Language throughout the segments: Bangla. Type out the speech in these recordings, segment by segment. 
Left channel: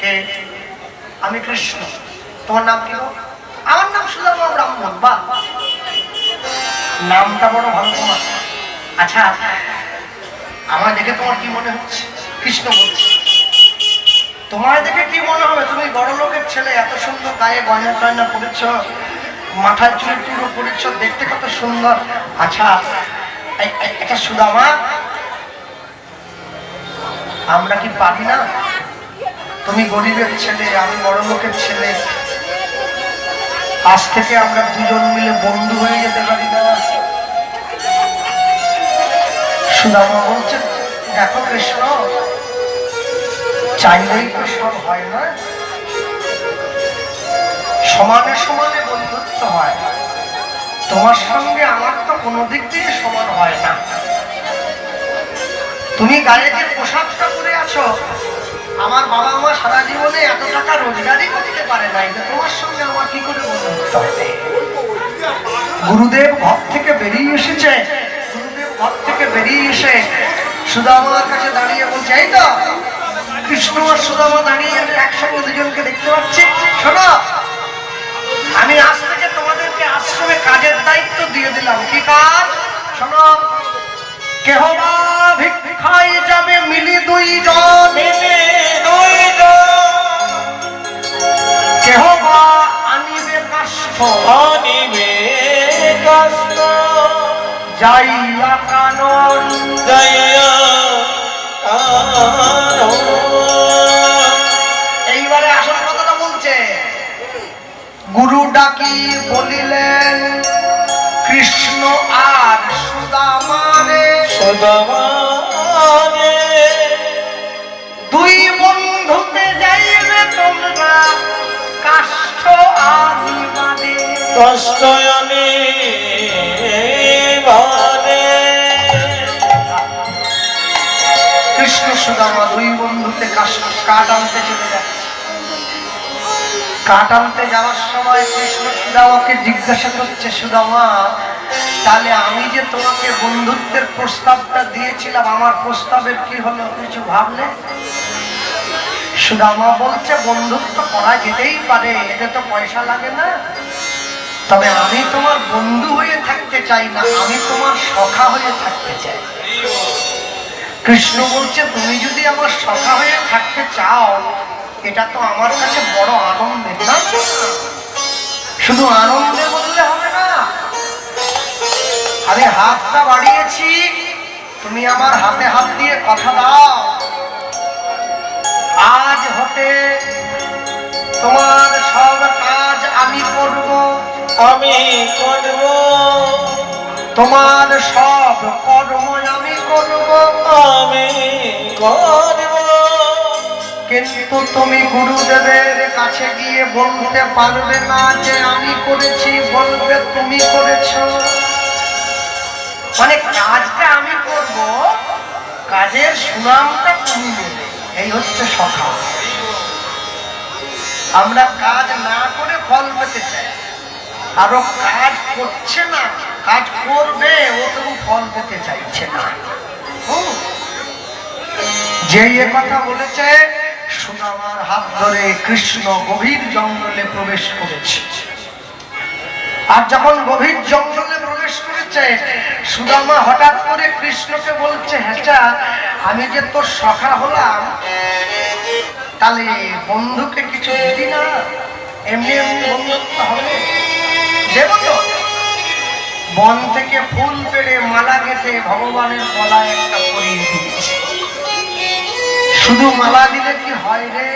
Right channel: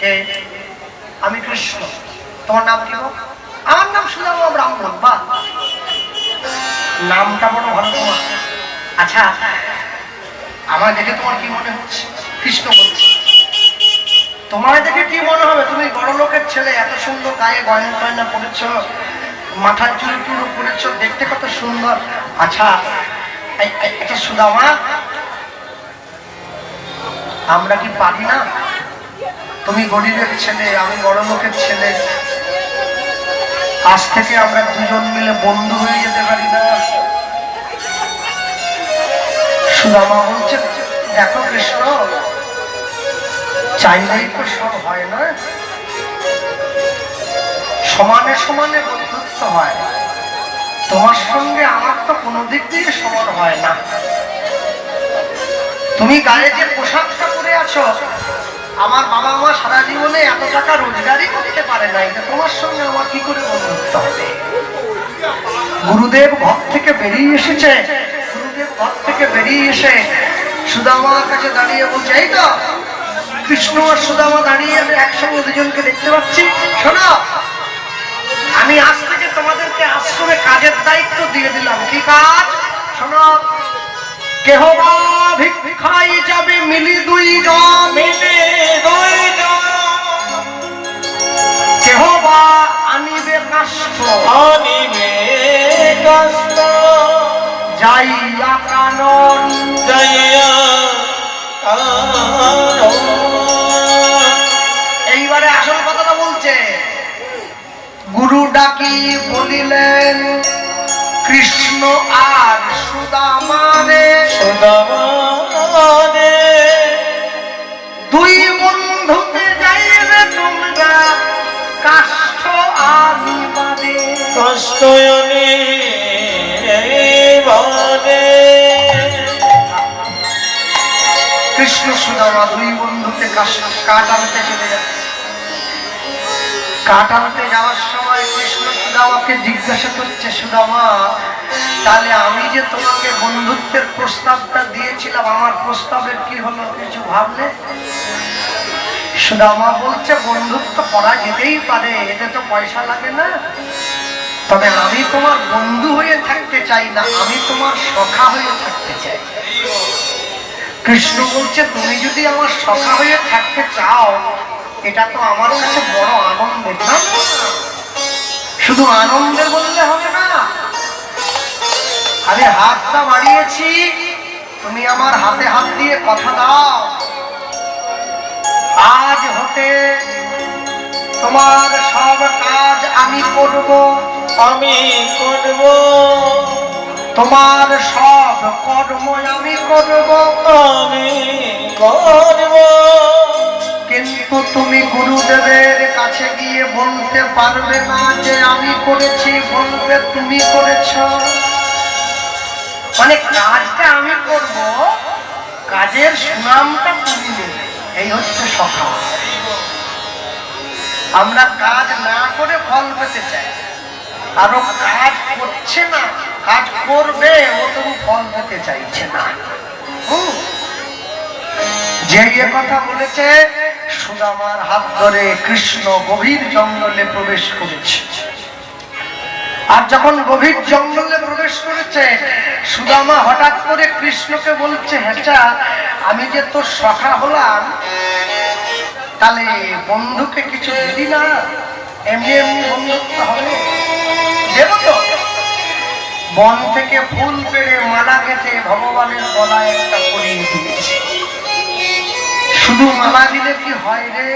কে? আমি কৃষ্ণ। তোমার নাম কি? আমার নাম সুদামা ব্রাহ্মণ। বা নামটা বড় ভালো তোমার। আচ্ছা, আমার দেখে তোমার কি মনে হচ্ছে? কৃষ্ণ বলছে। তোমার দেখে কি মনে হবে? তুমি বড় লোকের ছেলে, এত সুন্দর গায়ে গয়না টয়না পরেছ, মাথার চুল টুল করেছ, দেখতে কত সুন্দর। আচ্ছা, এটা সুদামা, আমরা কি পারি না? তুমি গরিবের ছেলে, আমি বড় লোকের ছেলে, আজ থেকে আমরা দুজন মিলে বন্ধু হয়ে যেতে পারি না? সুদামা বলছে, দেখো কৃষ্ণ, চাইলেই তো সব হয় না, সমানে সমানে বন্ধুত্ব হয়। তোমার সঙ্গে আমার তো কোনো দিক দিয়ে সমান হয় না। তুমি গায়ে যে পোশাকটা পরে আছো, আমার বাবা মা সারা জীবনে এত টাকা রোজগারই করতে পারে না, এটা তোমার সঙ্গে আমার কি করে বন্ধুত্ব হবে? গুরুদেব ঘর থেকে বেরিয়ে এসেছে, গুরুদেব ঘর থেকে বেরিয়ে এসে সুদামার কাছে দাঁড়িয়ে বলছে, এই তো কৃষ্ণ আর সুদামা দাঁড়িয়ে, আমি একসঙ্গে দুজনকে দেখতে পাচ্ছি। শোনো, আমি আজ থেকে তোমাদেরকে আশ্রমে কাজের দায়িত্ব দিয়ে দিলাম। কি কাজ? শোনো, কেহ বা ভিক্ষায় যাবে মিলি দুইজন, কেহ বা আনিবে কাষ্ঠ, যাইয়া কানন, এইবারে আসল কথাটা বলছে। গুরু ডাকি বলিলেন, কৃষ্ণ আর সুদামারে, দুই বন্ধুকে যাইলে তোমরা কাষ্ঠ আনিবারে, কষ্ট আমি কৃষ্ণ সুদামা দুই বন্ধুকে কাঠ আনতে চলে যাচ্ছে। কাঠ আনতে যাওয়ার সময় কৃষ্ণ সুদামাকে জিজ্ঞাসা করছে, সুদামা, তাহলে আমি যে তোমাকে বন্ধুত্বের প্রস্তাবটা দিয়েছিলাম, আমার প্রস্তাবের কি হলো, কিছু ভাবলে? সুদামা বলছে, বন্ধুত্ব করা যেতেই পারে, এতে তো পয়সা লাগে না, তবে আমি তোমার বন্ধু হয়ে থাকতে চাই না, আমি তোমার সখা হয়ে থাকতে চাই। কৃষ্ণ বলছে, তুমি যদি আমার সখা হয়ে থাকতে চাও, এটা তো আমার কাছে বড় আনন্দের। না, শুধু আনন্দে বললে হবে না, আমি হাতটা বাড়িয়েছি, তুমি আমার হাতে হাত দিয়ে কথা দাও, আজ হতে তোমার সব কাজ আমি করব, তোমার সব কর্ম আমি করব, কিন্তু তুমি গুরুদেবের কাছে গিয়ে বলতে পারবে না যে আমি করেছি, বলবে তুমি করেছ। মানে কাজটা আমি করব, কাজের সুনামটা তুমি নেবে, এই হচ্ছে সফল। আমরা কাজ না করে ফল পেতে চাই, আরো কাজ করছে না, কাজ করবে, ও তুমি ফল পেতে চাইছে না। যে কথা বলেছে, সুদামার হাত ধরে কৃষ্ণ গভীর জঙ্গলে প্রবেশ করেছে। আর যখন গভীর জঙ্গলে প্রবেশ করেছে, সুদামা হঠাৎ করে কৃষ্ণকে বলছে, হেঁচা, আমি যে তোর সখা হলাম, তাহলে বন্ধুকে কিছু দিলি না? এমনি এমনি বন্ধুত্ব হবে? দেব তো। বন থেকে ফুল পেড়ে মালা গেঁথে ভগবানের গলায় একটা পরিয়ে দিয়েছে। শুধু মালা দিলে কি হয় রে?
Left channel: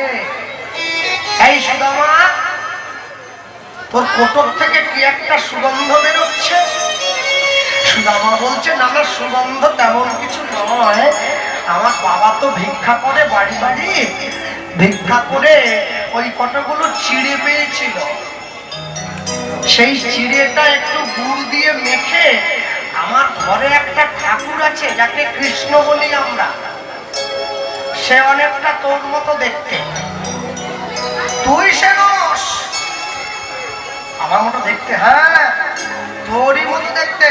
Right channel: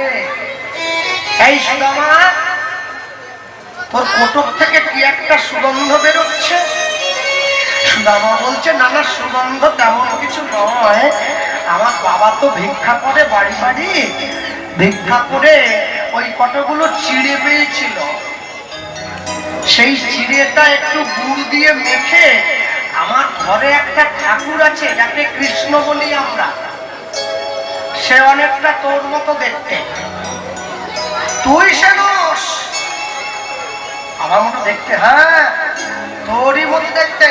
এই সুদামা, তোর কোটর থেকে কি একটা সুগন্ধ বেরোচ্ছে? সুদামা বলছে, না না, সুগন্ধ তেমন কিছু নয়, আমার বাবা তো ভিক্ষা করে বাড়ি বাড়ি, ভিক্ষা করে ওই কতগুলো চিড়ে পেয়েছিল, সেই চিড়েটা একটু গুড় দিয়ে মেখে, আমার ঘরে একটা ঠাকুর আছে যাকে কৃষ্ণ বলি আমরা, সে অনেকটা তোর মতো দেখতে, তুই সে আমার মতো দেখতে, হ্যাঁ তোরই মতো দেখতে,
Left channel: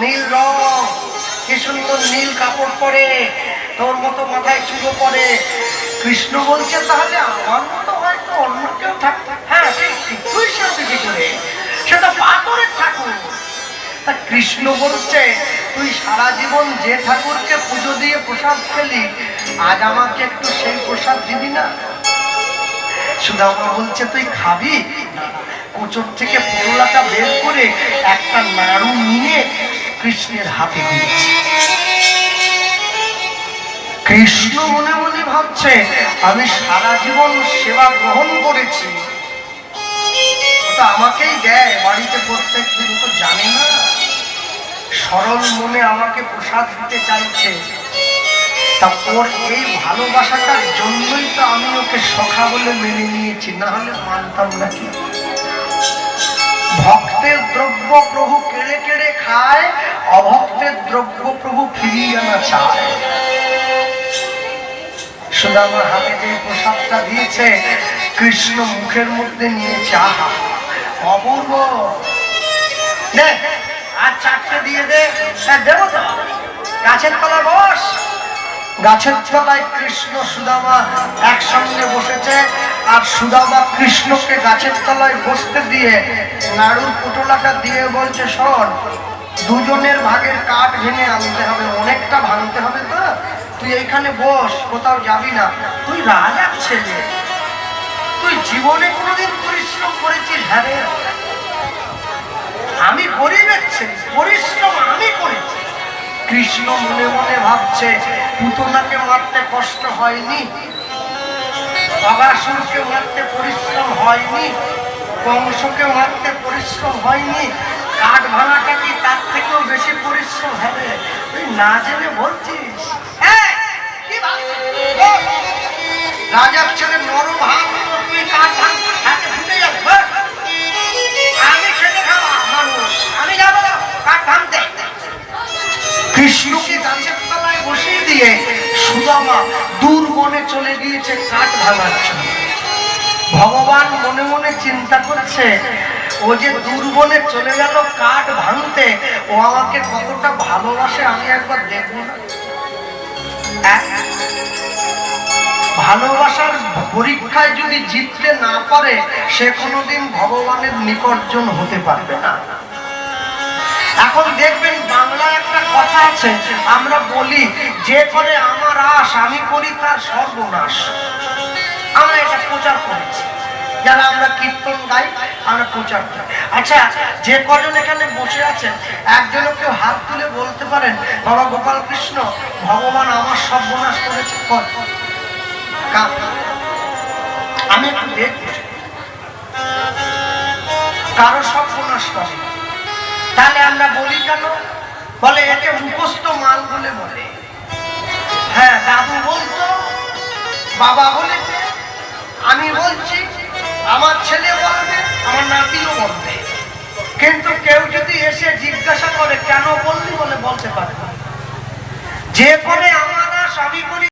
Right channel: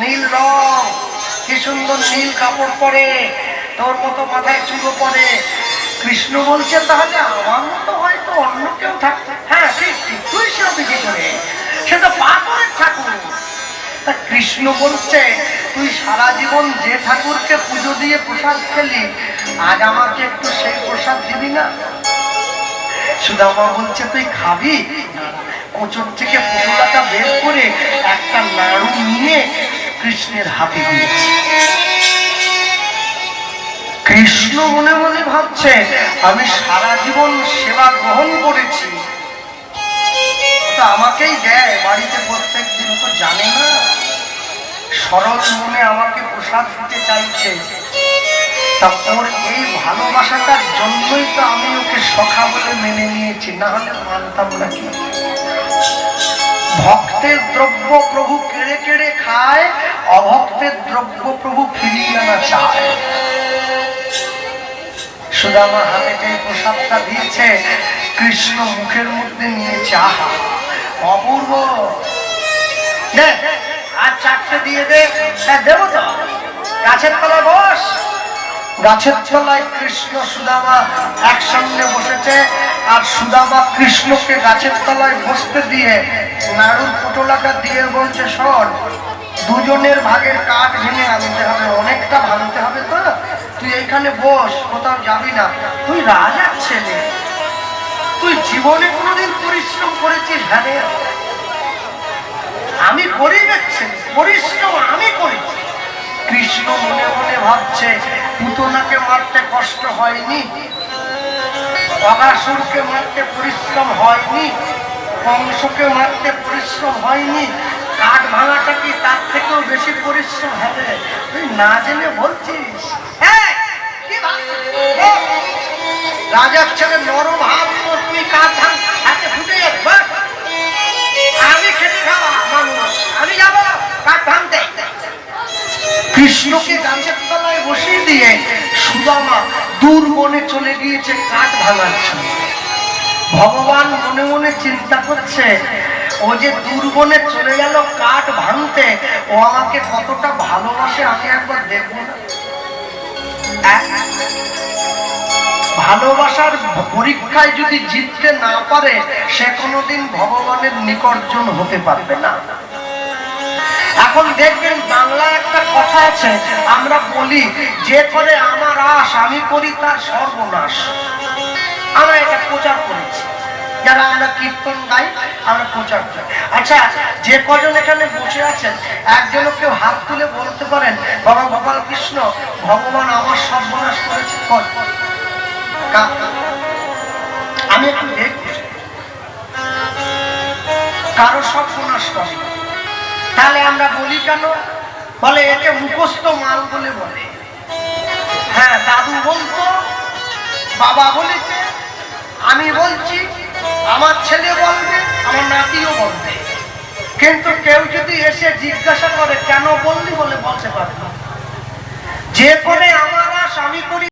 নীল রং, কি সুন্দর নীল কাপড় পরে, তোর মতো মাথায় চুলো করে। কৃষ্ণ বলছে তাহলে আমার মতো হয়তো অন্য কেউ থাকতো। হ্যাঁ ঠিক ঠিক, তুই সাথে কি করে, সে তো পাথরের ঠাকুর। তা কৃষ্ণ বলছে তুই সারা জীবন যে ঠাকুরকে পুজো দিয়ে প্রসাদ খেলি, আজ আমাকে একটু সেই প্রসাদ দিবি না? সুদামা বলছে তুই খাবি? কোচর থেকে পুরোলাটা বের করে একটা নাড়ু নিয়ে কৃষ্ণের হাতে দিয়েছে। কৃষ্ণ মনে মনে ভাবছে আমি সারা জীবন সেবা গ্রহণ করেছি, ওটা আমাকেই দেয় বাড়িতে প্রত্যেক দিন, তো জানে না সরল মনে আমাকে প্রসাদ দিতে চাইছে। তা ওর এই ভালোবাসাটার জন্যই তো আমি ওকে সখা বলে মেনে নিয়েছি, না হলে মানতাম নাকি। ভক্তের দ্রব্য প্রভু কেড়ে কেড়ে খায়, অভক্তের দ্রব্য প্রভু ফিরিয়ে আনা চায়। সুদামার হাতে যে প্রসাদটা দিয়েছে কৃষ্ণ মুখের মধ্যে নিয়ে চা, অপূর্ব। দে আর চারটে দিয়ে দে। দেবো তো, গাছের তলায় বস। গাছের তলায় কৃষ্ণ সুদামা একসঙ্গে বসেছে, আর সুদামা কৃষ্ণকে গাছের তলায় বসতে দিয়ে নাড়ুর পটোলাটা দিয়ে বলছে শোন, দুজনের ভাগের কাঠ ভেঙে আনতে হবে, অনেকটা ভাঙতে হবে তো, তুই এইখানে বস, কোথাও যাবি না। তুই রাজার ছেলে, তুই জীবনে কোনোদিন পরিশ্রম করেছিস? হ্যাঁ, আমি গরিবের ছেলে, পরিশ্রম আমি করেছি। কৃষ্ণ মনে মনে ভাবছে পুতনাকে মারতে কষ্ট হয়নি, বাবাসুরকে মারতে পরিশ্রম হয়নি, কংসকে মারতে পরিশ্রম হয়নি, কাঠ ভাঙাটা কি তার থেকেও বেশি পরিশ্রম হবে? তুই না জেনে বলছিস? রাজার ছেলে নরম হাত, তুই কাঠ ভাঙ, হাতে ফুটে যাবে। আমি খেতে খাওয়া মানুষ, আমি যাবো কাঠ ভাঙতে। কৃষ্ণকে গাছের তলায় বসিয়ে দিয়ে সুদামা দূর মনে চলে গিয়েছে কাঠ ভাঙার জন্য। ভগবান মনে মনে চিন্তা করছে ও যে দূর বনে চলে গেল কাঠ ভাঙতে, ও আমাকে কতটা ভালোবাসে আমি একবার দেখব। ভালোবাসার পরীক্ষায় যদি জিততে না পারে সে কোনোদিন ভগবানের নিকটজন হতে পারবে না। এখন দেখবেন বাংলায় একটা কথা আছে, আমরা বলি যে করে আমার আশ আমি করি তার সর্বনাশ। আমরা এটা প্রচার করেছি, যেন আমরা কীর্তন গাই, আমরা প্রচার করি। আচ্ছা, যে কজন এখানে বসে আছেন একজনও কেউ হাত তুলে বলতে পারেন বাবা গোপাল কৃষ্ণ ভগবান আমার সর্বনাশ করেছে? আমি একটু দেখছি কারো সর্বনাশ করে। তাহলে আমরা বলি কেন? বলে একে মুখস্থ মান বলে বলে। হ্যাঁ, দাদু বলতো, বাবা বলেছে, আমি বলছি, আমার ছেলে বলবে, আমার নাতিও বলবে। কিন্তু কেউ যদি এসে জিজ্ঞাসা করে কেন বললি, বলে বলতে পারে যে করে আমার আশ আমি করি